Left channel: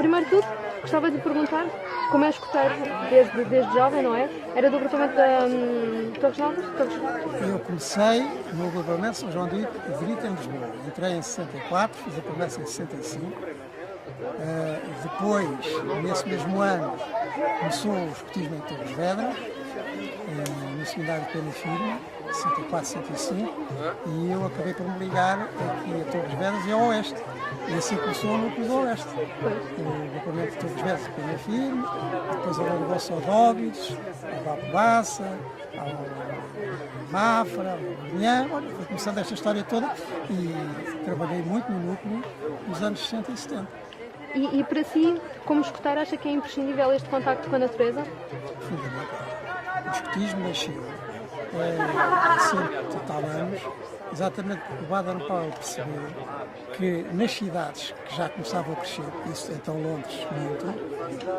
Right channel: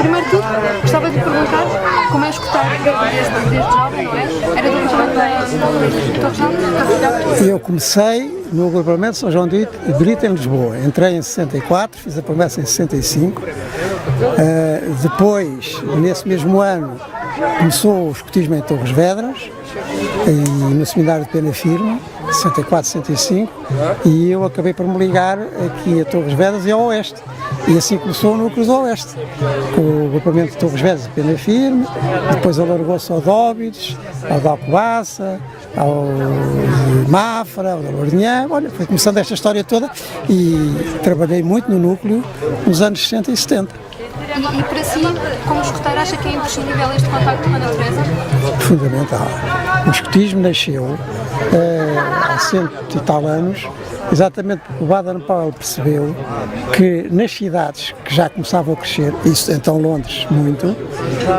Primeiro de tudo, gostava de perguntar como é escutar desde jovem, não é? Era do agrupamento. Eu comecei no agrupamento São João de Brito, em Lisboa. Entrei em 64, fiz a promessa em 65. Depois, nesse mesmo ano, começou o escotismo em Torres Vedras, e no seminário de Pena Firme, 64, 65, e eu acabei por me ligar aqui a Torres Vedras e ao Oeste. E assim começou o núcleo do Oeste, com o agrupamento de Torres Vedras e Pena Firme, depois alargou-se ao Dóbidos, ao de Alcobaça, ao de Mafra, ao de Lourinhã. Olha, foi começando esta história toda e trabalhei muito no núcleo nos anos 60 e 70. E para si, como escutar, acha que é imprescindível este contacto com a natureza? Fundamental. O escotismo nasceu há 100 e tal anos, exatamente porque o Baden-Powell percebeu que nas cidades que já começavam a crescer, isso então Londres muito,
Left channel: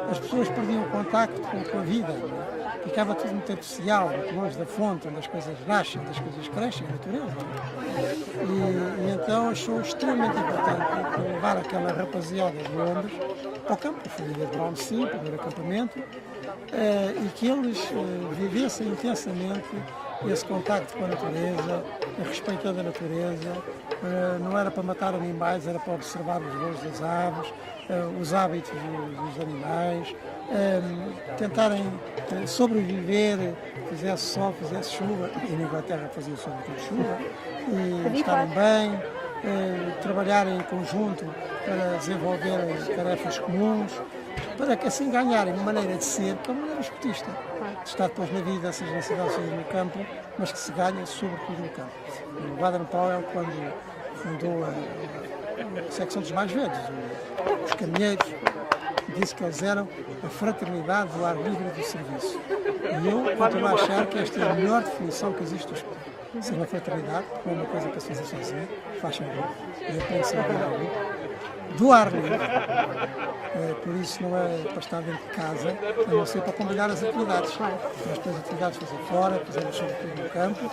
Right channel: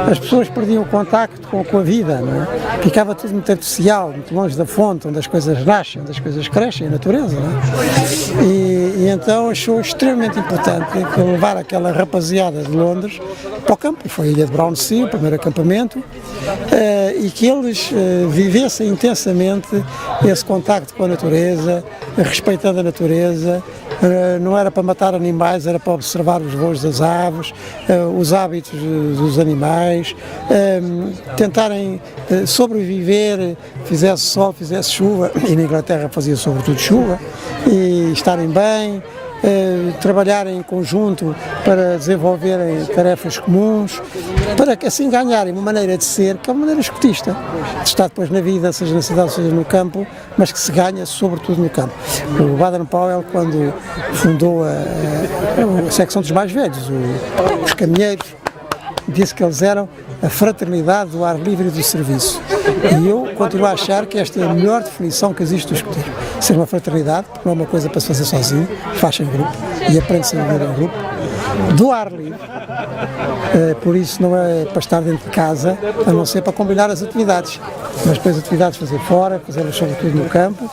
as pessoas perdiam o contacto com a vida, não é? Ficava tudo muito artificial, muito longe da fonte, onde as coisas nascem, onde as coisas crescem, a natureza, não é? E então achou extremamente importante levar aquela rapaziada de Londres para o campo. Foi a Ilha de Brownsea, o primeiro acampamento, e que eles vivessem intensamente esse contacto com a natureza, respeitando a natureza. Não era para matar animais, era para observar os voos das aves, os hábitos dos animais, tentarem sobreviver, fizesse sol, fizesse chuva, e na Inglaterra fazia sobretudo chuva, e estarem bem, trabalhar em conjunto para desenvolverem tarefas comuns, para que assim ganharem uma maneira de ser, que é uma maneira escotista, de estar depois na vida, seja na cidade, seja no campo, mas que se ganha sobretudo no campo. O Baden-Powell, quando fundou a secção dos mais velhos, os caminheiros, disse que eles eram a fraternidade do ar livre e do serviço. E eu continuo a achar que esta é a melhor definição que existe do escotismo. Ser uma fraternidade, porque não é uma coisa para se fazer sozinho, faz em grupo e aprende-se a viver em grupo, do ar livre. Por isso não é para estar dentro de casa, a não ser para combinar as atividades. Mas depois atividades fazer fora, fazê-las sobretudo no campo,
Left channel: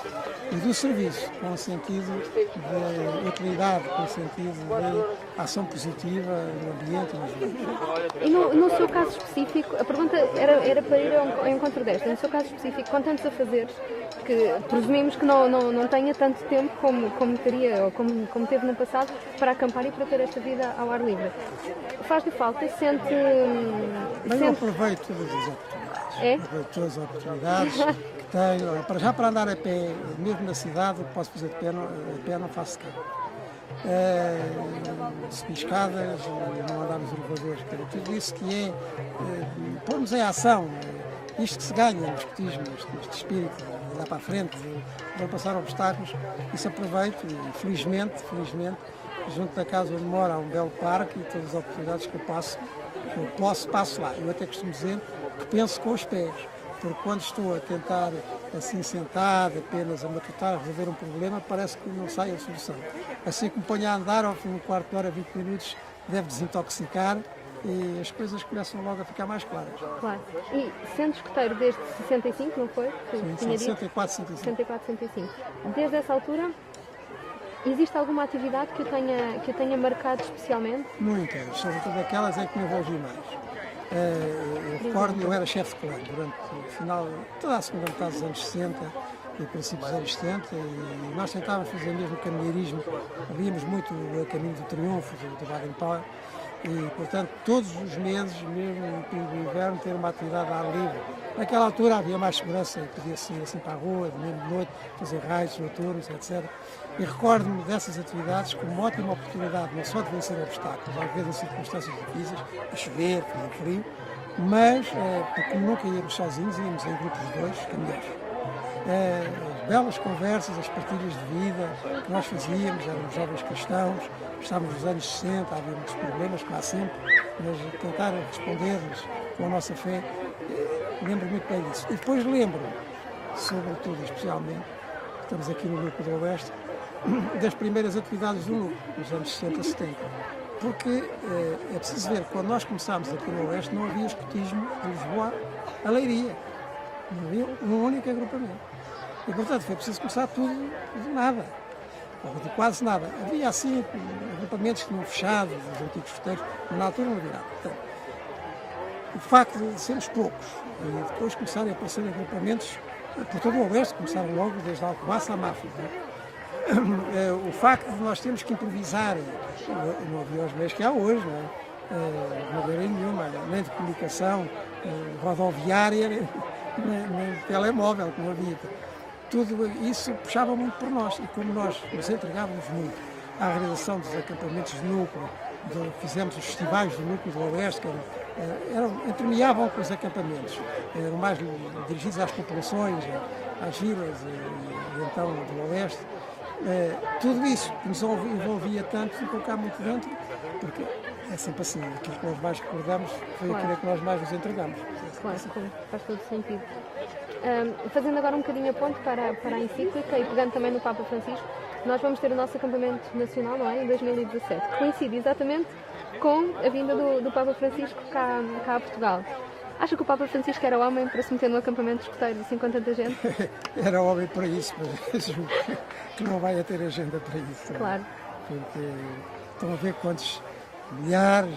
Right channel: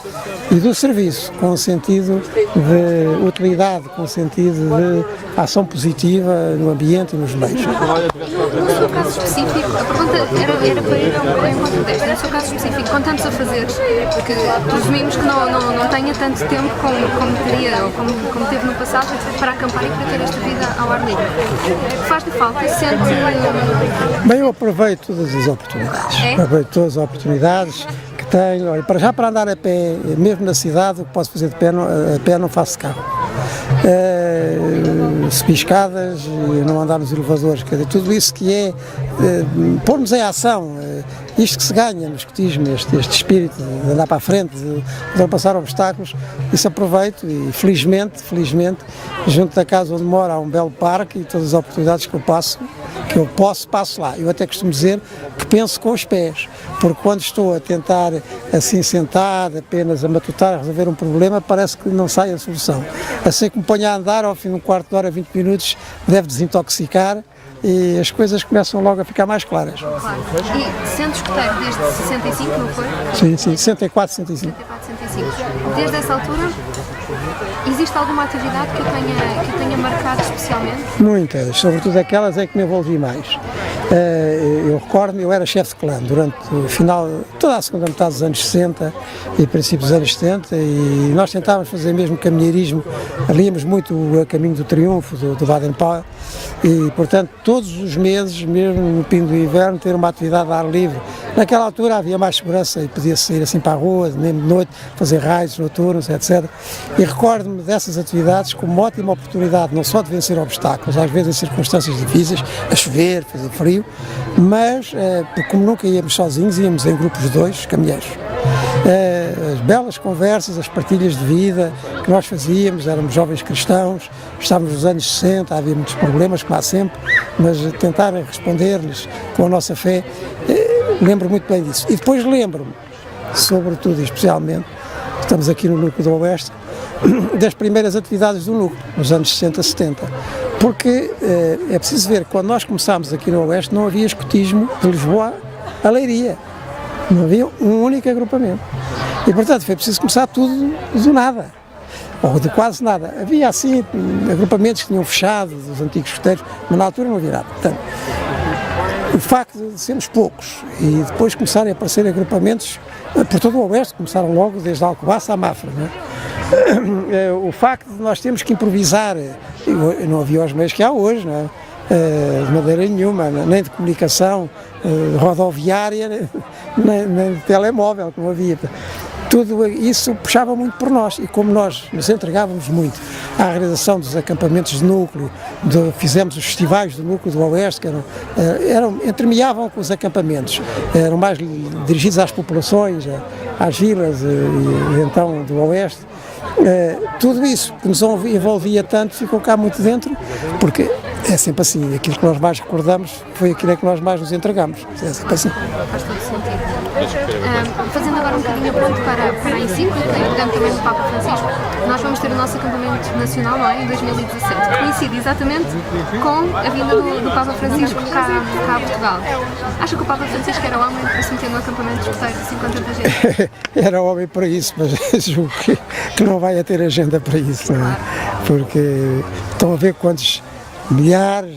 e do serviço, com o sentido de utilidade, com o sentido de ação positiva no ambiente e nos meios. No seu caso específico, a pergunta era para ir ao encontro desta. No seu caso específico, com tantos afazeres, porque presumimos que não tenha tanto tempo como teria, ou como teve no passado, para acampar e para ter esta vida ao ar livre. Faz-lhe falta, sente Bem, eu aproveito todas as oportunidades. Aproveito todas as oportunidades que tenho. Olha, para andar a pé, mesmo na cidade, o que posso fazer a pé não faço carro. Subir escadas, não andar nos elevadores, quer dizer, tudo isso que é pôr-nos em ação, isto que se ganha no escotismo, este espírito de andar para a frente, de ultrapassar obstáculos, isso aproveito e felizmente, junto da casa onde moro há um belo parque e todas as oportunidades que eu passo lá. Eu até costumo dizer que penso com os pés, porque quando estou a tentar assim sentado, apenas a matutar, a resolver um problema, parece que não sai a solução. Assim que me ponho a andar, ao fim de um quarto de hora, 20 minutos, deve desintoxicar e as coisas começam logo a ficar mais claras. Claro. E sendo escoteiro desde 65, não foi? Sim, 64, 65. 64, 65. Desde essa altura, existe alguma atividade que tenha marcado especialmente? Muitas, sobretudo aquelas em que me envolvi mais. Eu recordo-me, eu era chefe de clã durante o final, toda a segunda metade dos anos 60 e princípios dos anos 70, e nós tentávamos fazer mesmo caminheirismo, líamos muito o caminho do triunfo do Baden-Powell, e portanto todos os meses, mesmo no fim do inverno, ter uma atividade a ar livre. Naquela altura havia mais segurança e podia sair assim para a rua, mesmo de noite, fazer raios noturnos, etc. E recordo-me dessas atividades como uma ótima oportunidade, não só de vencer obstáculos, às vezes em circunstâncias difíceis, a chover, fazer frio, mas como nunca íamos sozinhos, íamos em grupos de 2, caminheiros. As belas conversas, as partilhas de vida que nós fazíamos, éramos jovens cristãos, estávamos nos anos 60, havia muitos problemas, como há sempre, mas tentar responder-lhes com a nossa fé, lembro muito bem disso. E depois lembro-me, sobretudo e especialmente, estamos aqui no núcleo do Oeste, das primeiras atividades do núcleo, nos anos 60, 70. Porque é preciso ver, quando nós começámos aqui no Oeste, não havia escotismo de Lisboa a Leiria. Não havia um único agrupamento. E, portanto, foi preciso começar tudo do nada. ou de quase nada. Havia assim agrupamentos que tinham fechado, dos antigos escuteiros, mas na altura não havia nada. Portanto, o facto de sermos poucos e depois começarem a aparecer agrupamentos por todo o Oeste, começaram logo desde Alcobaça à Mafra, não é? O facto de nós termos que improvisar, não havia os meios que há hoje, não é? De maneira nenhuma, nem de comunicação rodoviária, nem de telemóvel, que não havia. Tudo isso puxava muito por nós, e como nós nos entregávamos muito à realização dos acampamentos de núcleo, fizemos os festivais do núcleo do Oeste, que entremeavam com os acampamentos, eram mais dirigidos às populações, às vilas e então do Oeste. Tudo isso que nos envolvia tanto ficou cá muito dentro, porque é sempre assim, aquilo que nós mais recordamos foi aquilo que nós mais nos entregamos. É sempre assim. Faz todo sentido. Fazendo agora um bocadinho a ponto para a encíclica e pegando também do Papa Francisco, nós vamos ter o nosso acampamento nacional, não é? Em 2017, que coincide exatamente com a vinda do Papa Francisco cá a Portugal. Acha que o Papa Francisco era homem para se meter no acampamento de escuteiros assim com tanta gente? Era homem para isso, mas julgo que não vai ter agenda para isso, não é? Porque estão a ver quantos milhares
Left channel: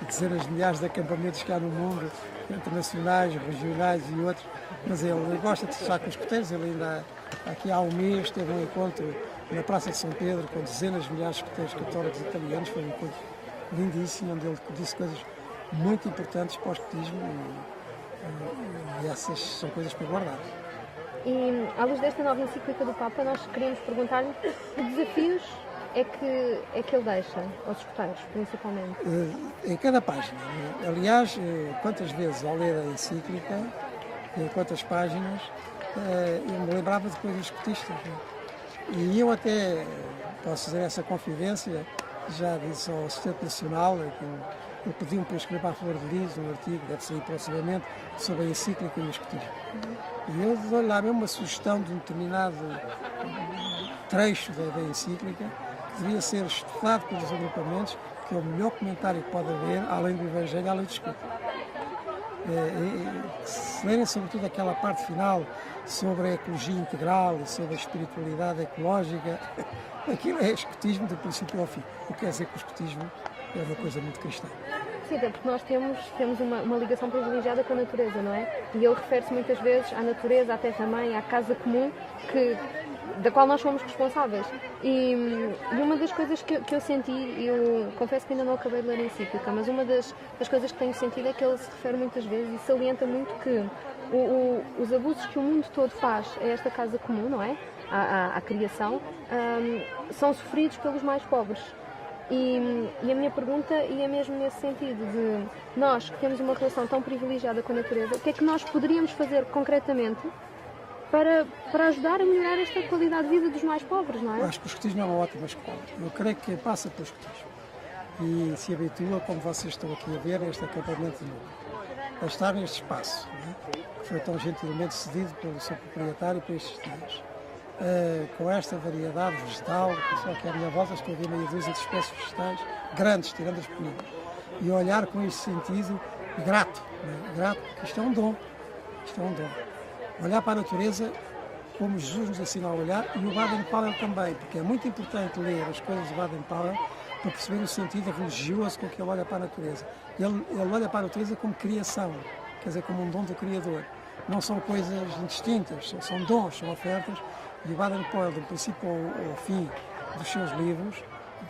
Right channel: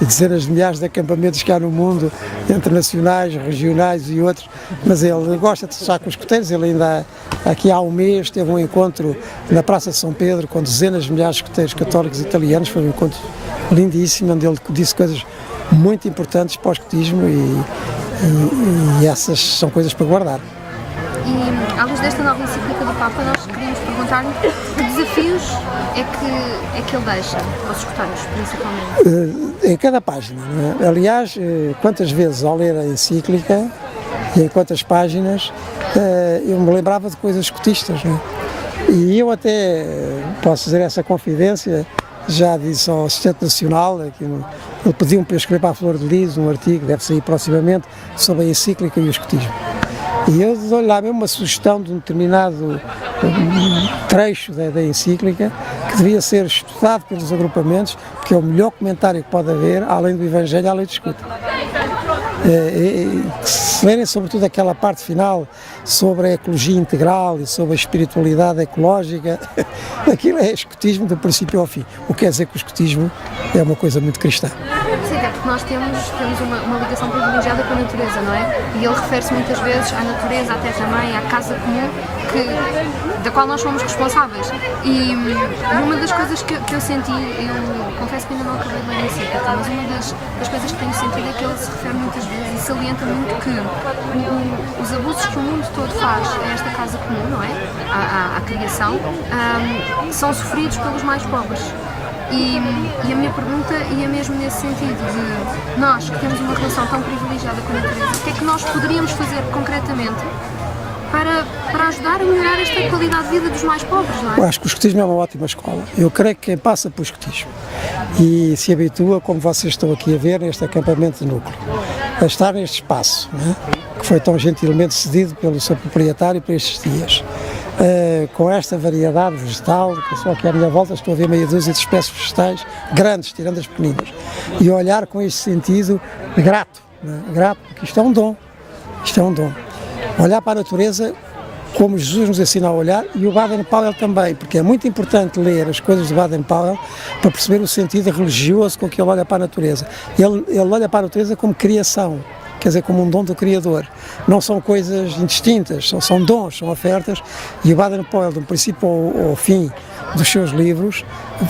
e dezenas de milhares de acampamentos que há no mundo, internacionais, regionais e outros, mas ele gosta de estar com os escuteiros. Ele ainda, aqui há um mês, teve um encontro na Praça de São Pedro com dezenas de milhares de escuteiros católicos italianos. Foi um encontro lindíssimo, onde ele disse coisas muito importantes para o escutismo e essas são coisas para guardar. E, à luz desta nova encíclica do Papa, nós queríamos perguntar-lhe que desafios é que ele deixa aos escuteiros, principalmente? Em cada página, não é? Aliás, quantas vezes ao ler a encíclica e em quantas páginas eu me lembrava de coisas escutistas, não é? E eu até posso dizer essa confidência, já disse ao Assistente Nacional, ele pediu-me para eu escrever para a Flor de Lis um artigo, deve sair proximamente, sobre a encíclica e o escutismo. E eu dou-lhe lá mesmo uma sugestão de um determinado trecho da encíclica que devia ser estudado pelos agrupamentos, porque é o melhor comentário que pode haver, além do Evangelho, além de escuta. Que se lerem sobretudo aquela parte final sobre a ecologia integral e sobre a espiritualidade ecológica, aquilo é escutismo do princípio ao fim. O que quer dizer que o escutismo é uma coisa muito cristã. Sim, é porque nós temos uma ligação privilegiada com a natureza, não é? E ele refere-se muitas vezes à natureza, à terra-mãe, à casa comum, da qual nós somos responsáveis. E uma das coisas que eu senti, eu confesso que ainda não acabei de ler a encíclica, mas uma das coisas que tenho sentido é que ele se refere muitas vezes e salienta muito que os abusos que o mundo todo faz a esta casa comum, não é? À criação, são sofridos pelos mais pobres. E a minha pergunta ia mesmo nesse sentido, de nós que temos uma relação tão privilegiada com a natureza, o que é que nós poderíamos fazer concretamente para ajudar a melhorar esta qualidade de vida dos mais pobres, não é? Eu acho que o escutismo é uma ótima escola. Eu creio que quem passa pelo escutismo e se habitua, como vocês estão aqui a ver, neste acampamento de núcleo, a estar neste espaço, não é? Que foi tão gentilmente cedido pelo seu proprietário para estes dias. Com esta variedade vegetal, que só aqui à minha volta estou a ver meia dúzia de espécies vegetais grandes, tirando as pequeninas, e olhar com este sentido grato, não é? Grato, porque isto é um dom, isto é um dom. Olhar para a natureza como Jesus nos ensina a olhar, e o Baden-Powell também, porque é muito importante ler as coisas do Baden-Powell para perceber o sentido religioso com que ele olha para a natureza. Ele olha para a natureza como criação, quer dizer, como um dom do Criador. Não são coisas indistintas, são dons, são ofertas, e o Baden-Powell, do princípio ao fim dos seus livros,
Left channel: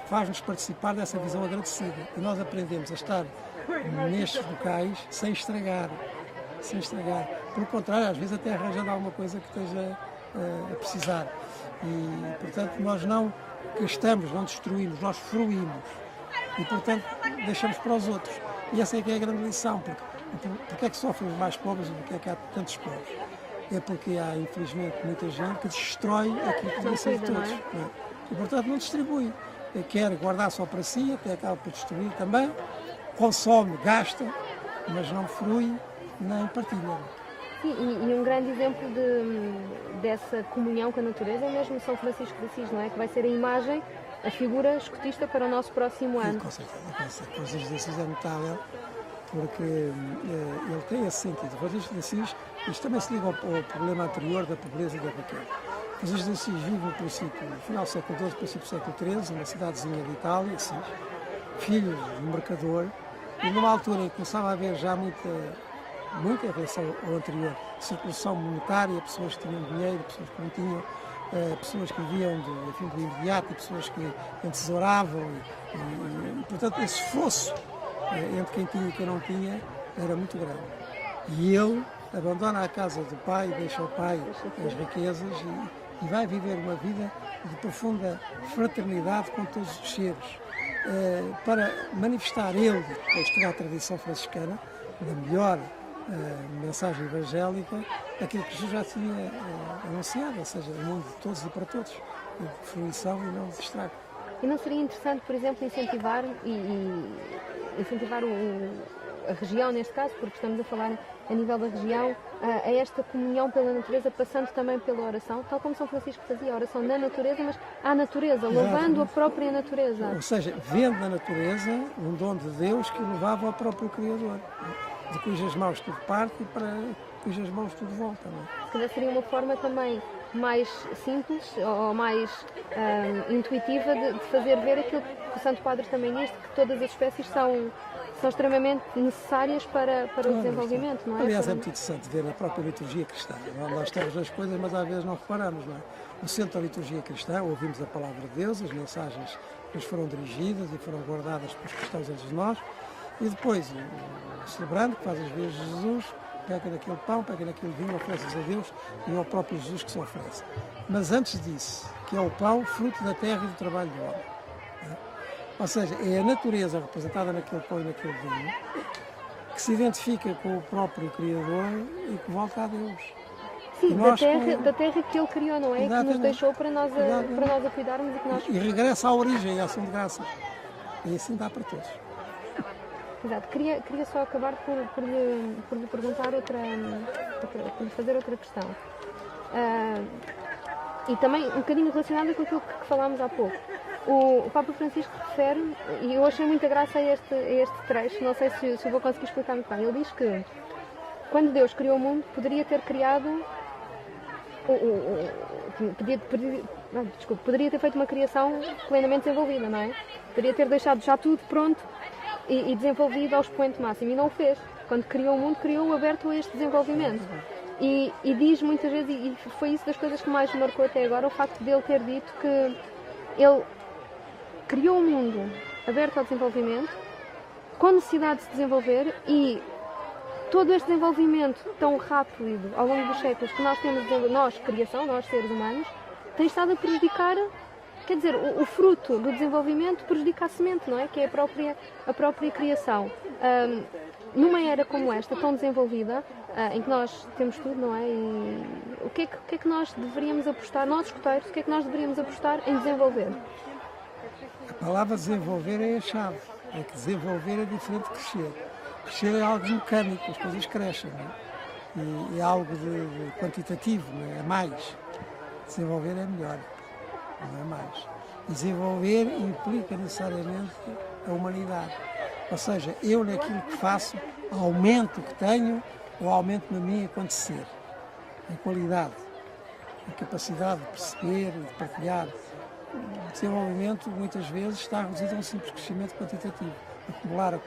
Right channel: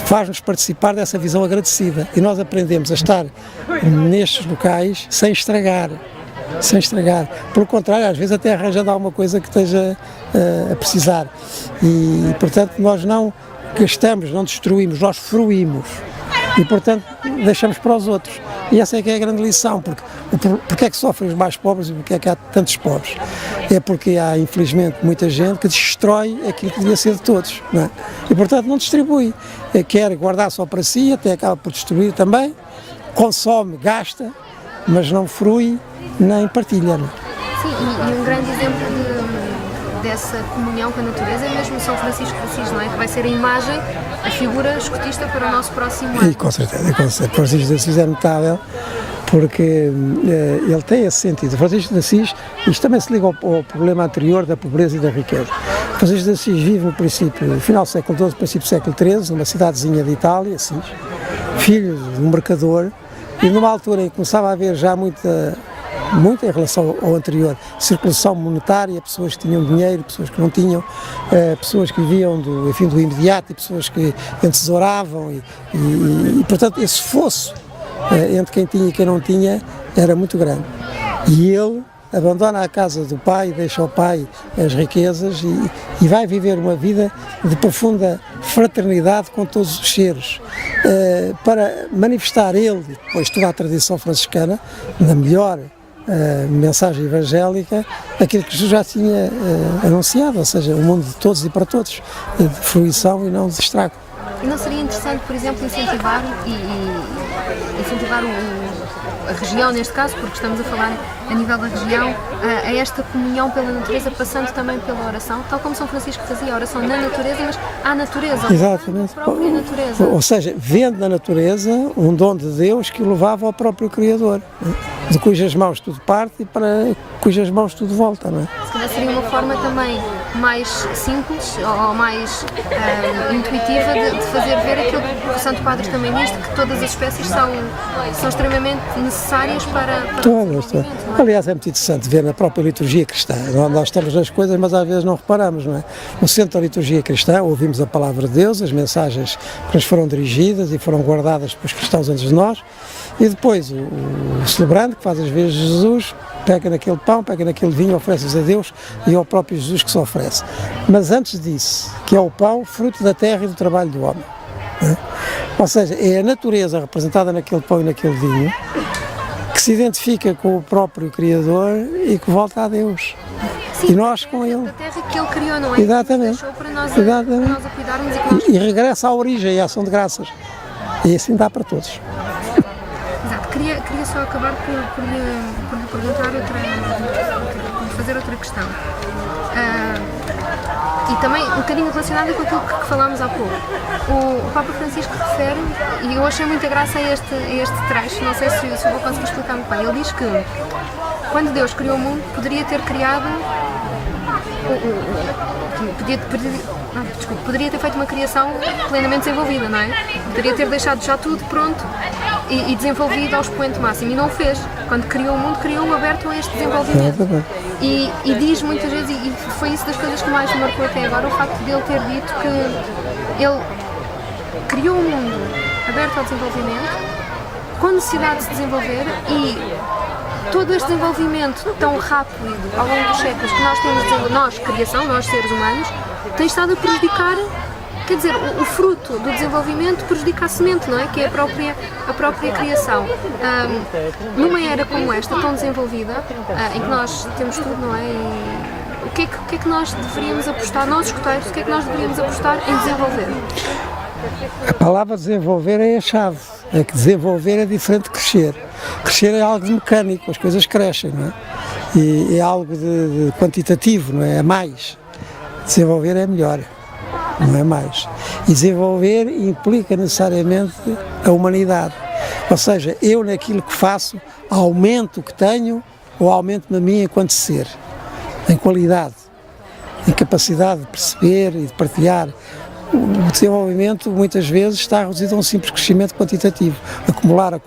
faz-nos participar dessa visão agradecida. E nós aprendemos a estar nestes locais sem estragar. Pelo contrário, às vezes até arranjando alguma coisa que esteja a precisar. E, portanto, nós não gastamos, não destruímos, nós fruímos. E, portanto, deixamos para os outros. E essa é que é a grande lição, porque é que sofrem os mais pobres e porque é que há tantos pobres? É porque há, infelizmente, muita gente que destrói aquilo que devia ser de todos, não é? E, portanto, não distribui. Quer guardar só para si, até acaba por destruir também, consome, gasta, mas não frui nem partilha. Não é? Sim, e um grande exemplo dessa comunhão com a natureza é mesmo São Francisco de Assis, não é? Que vai ser a imagem, a figura escotista para o nosso próximo ano. E com certeza, Francisco de Assis é notável, porque ele tem esse sentido. Francisco de Assis, isto também se liga ao problema anterior da pobreza e da riqueza. Francisco de Assis vive no final do século XII, princípio do século XIII, numa cidadezinha de Itália, Assis, filho de um mercador, e numa altura em que começava a haver já muita em relação ao anterior, circulação monetária, pessoas que tinham dinheiro, pessoas que não tinham, pessoas que viviam do imediato e pessoas que entesouravam e portanto esse fosso entre quem tinha e quem não tinha era muito grande. E ele abandona a casa do pai, deixa ao pai as riquezas e vai viver uma vida de profunda fraternidade com todos os seres, para manifestar ele, depois toda a tradição franciscana, na melhor mensagem evangélica, aquilo que Jesus já tinha anunciado, ou seja, o mundo de todos e para todos, de fruição e não de estrago. E não seria interessante, por exemplo, incentivar a região, neste caso, porque estamos a falar a nível da região, a esta comunhão pela natureza, passando também pela oração, tal como São Francisco fazia a oração na natureza, mas à natureza, levando a própria natureza. Ou seja, vendo na natureza um dom de Deus que o levava ao próprio Criador, de cujas mãos tudo parte e para cujas mãos tudo volta, não é? Se calhar seria uma forma também mais simples ou mais intuitiva de fazer ver aquilo que o Santo Padre também diz, que todas as espécies são extremamente necessárias para todas. Aliás, é muito interessante ver na própria liturgia cristã. Nós estamos nas coisas, mas às vezes não reparamos, não é? No centro da liturgia cristã ouvimos a palavra de Deus, as mensagens que nos foram dirigidas e foram guardadas pelos cristãos antes de nós, e depois o celebrante, que faz as vezes de Jesus, pega naquele pão, pega naquele vinho, oferece-os a Deus e ao próprio Jesus que se oferece. Mas antes disso, que é o pão, fruto da terra e do trabalho do homem. Ou seja, é a natureza representada naquele pão e naquele vinho que se identifica com o próprio Criador e que volta a Deus. Sim, e nós da terra, com Ele. Da terra que Ele criou, não é? Exatamente. Que nos deixou para nós a cuidarmos e que nós... E regressa à origem, à ação de graças. E assim dá para todos. Exato. Queria só acabar por lhe perguntar fazer outra questão. E também um bocadinho relacionada com aquilo que falámos há pouco. O Papa Francisco refere, e eu achei muita graça a este trecho, não sei se eu consigo explicar muito bem. Ele diz que quando Deus criou o mundo, poderia ter criado poderia ter feito uma criação plenamente desenvolvida, não é? Poderia ter deixado já tudo pronto e desenvolvido ao expoente máximo, e não fez. Quando criou o mundo, criou-o aberto a este desenvolvimento. E diz muitas vezes, e foi isso das coisas que mais me marcou até agora, o facto de ele ter dito que ele criou um mundo aberto ao desenvolvimento, com necessidade de se desenvolver, e todo este desenvolvimento tão rápido ao longo dos séculos que nós temos, nós, criação, nós seres humanos, tem estado a prejudicar, quer dizer, o fruto do desenvolvimento prejudica a semente, não é? Que é a própria criação. Numa era como esta, tão desenvolvida, em que nós temos tudo, não é? E o que é que nós deveríamos apostar, nós escuteiros, o que é que nós deveríamos apostar em desenvolver? A palavra desenvolver é a chave. É que desenvolver é diferente de crescer. Crescer é algo de mecânico, as coisas crescem, não é? E é algo de quantitativo, não é? É mais. Desenvolver é melhor, não é mais. E desenvolver implica necessariamente a humanidade. Ou seja, eu naquilo que faço aumento o que tenho ou aumento-me a mim enquanto ser, em qualidade, em capacidade de perceber e de partilhar. O desenvolvimento muitas vezes está reduzido a um simples crescimento quantitativo, acumular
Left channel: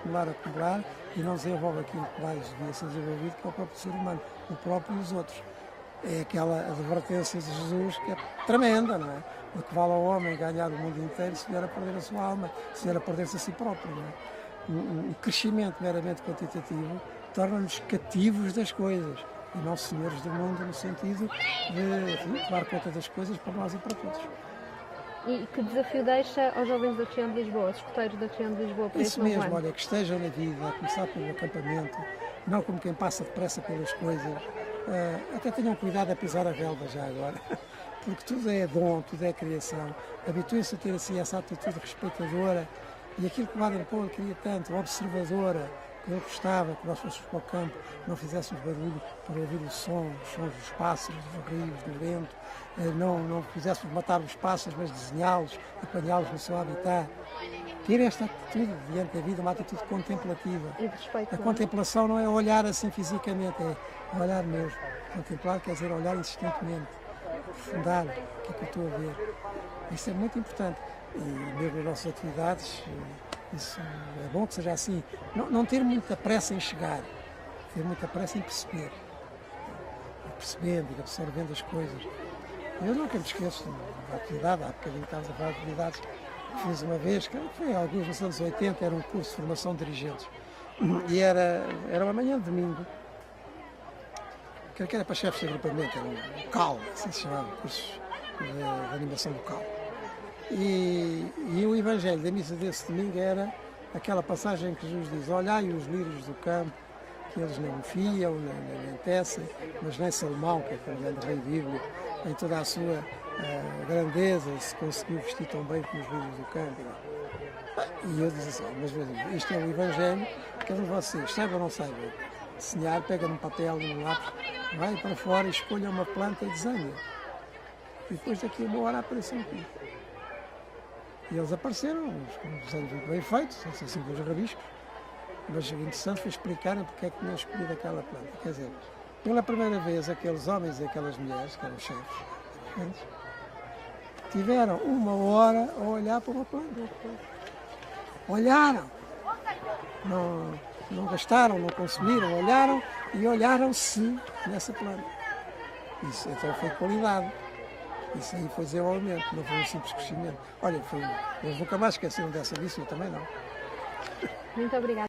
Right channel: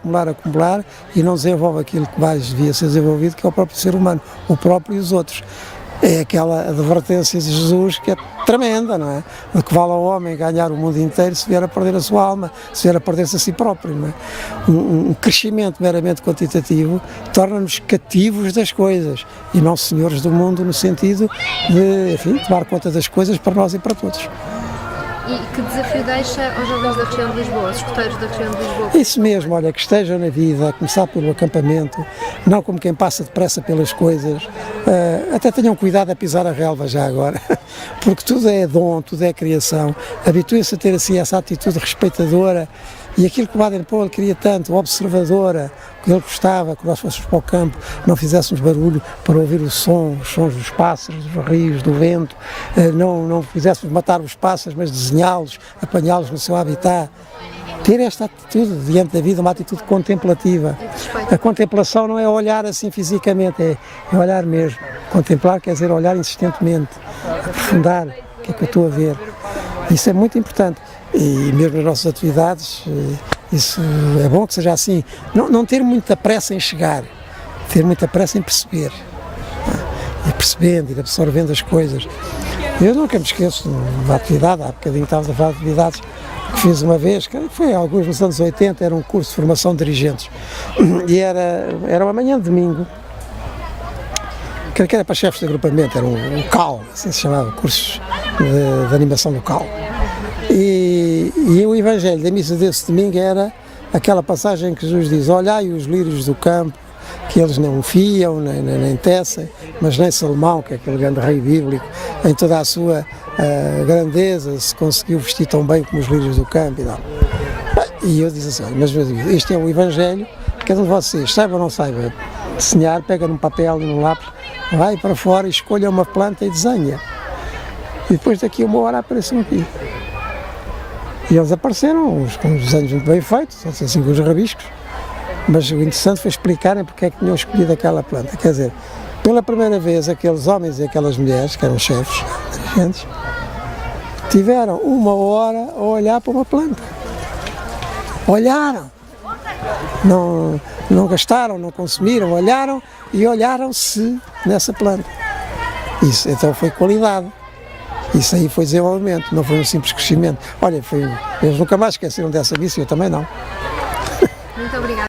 e não desenvolve aquilo que mais devia ser desenvolvido, que é o próprio ser humano, o próprio e os outros. É aquela advertência de Jesus que é tremenda, não é? De que vale ao homem ganhar o mundo inteiro se vier a perder a sua alma, se vier a perder-se a si próprio, não é? Um crescimento meramente quantitativo torna-nos cativos das coisas e não senhores do mundo no sentido de, enfim, tomar conta das coisas para nós e para todos. E que desafio deixa aos jovens da região de Lisboa, aos escuteiros da região de Lisboa? Isso mesmo, olha, que estejam na vida, a começar pelo acampamento, não como quem passa depressa pelas coisas, até tenham cuidado a pisar a relva já agora, porque tudo é dom, tudo é criação, habituem-se a ter assim essa atitude respeitadora E aquilo que o Baden-Powell queria tanto, observadora, que ele gostava, que nós fôssemos para o campo, não fizéssemos barulho para ouvir os sons dos pássaros, dos rios, do vento, não fizéssemos matar os pássaros, mas desenhá-los, apanhá-los no seu habitat. Ter esta atitude diante da vida, uma atitude contemplativa. A contemplação não é olhar assim fisicamente, é olhar mesmo. Contemplar quer dizer olhar insistentemente, aprofundar o que é que eu estou a ver. Isso é muito importante. E mesmo nas nossas atividades, isso é bom que seja assim. Não ter muita pressa em chegar, ter muita pressa em perceber. Ir percebendo, ir absorvendo as coisas. Eu nunca me esqueço de uma atividade, há bocadinho estávamos a falar de atividades que fiz uma vez, que foi alguns nos anos 80, era um curso de formação de dirigentes. E era uma manhã de domingo, que era para chefes de agrupamento, era um CAL, assim se chamava, cursos de animação local. E o Evangelho da missa desse domingo era aquela passagem que Jesus diz: olhai os lírios do campo, que eles não fiam, nem tecem, mas nem Salomão, que é aquele grande rei bíblico, em toda a sua grandeza, se conseguiu vestir tão bem como os lírios do campo e tal. E eu disse assim: mas este é o Evangelho, cada um de vocês, saiba ou não saiba desenhar, pega num papel e num lápis, vai para fora, escolha uma planta e desenha. E depois daqui a uma hora aparecem aqui. E eles apareceram, com uns desenhos muito bem feitos, assim com os rabiscos, mas o interessante foi explicarem porque é que tinham escolhido aquela planta. Quer dizer, pela primeira vez aqueles homens e aquelas mulheres, que eram chefes, dirigentes, tiveram uma hora a olhar para uma planta. Olharam. Não gastaram, não consumiram, olharam e olharam-se nessa planta. Isso então foi qualidade. Isso aí foi desenvolvimento, não foi um simples crescimento. Olha, eles nunca mais esqueceram dessa missa, eu também não. Muito obrigada.